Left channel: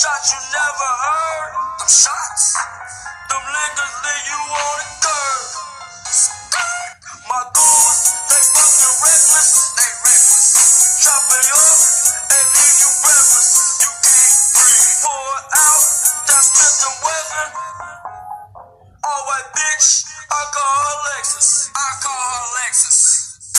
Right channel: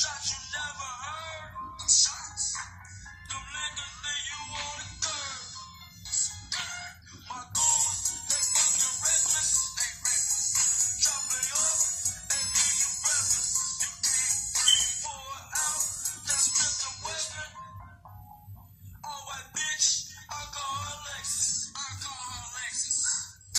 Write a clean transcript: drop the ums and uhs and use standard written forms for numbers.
shots you never heard. Them shots. Them niggas leave you on the curb. My goons, they fucking reckless. They reckless. Chop it up.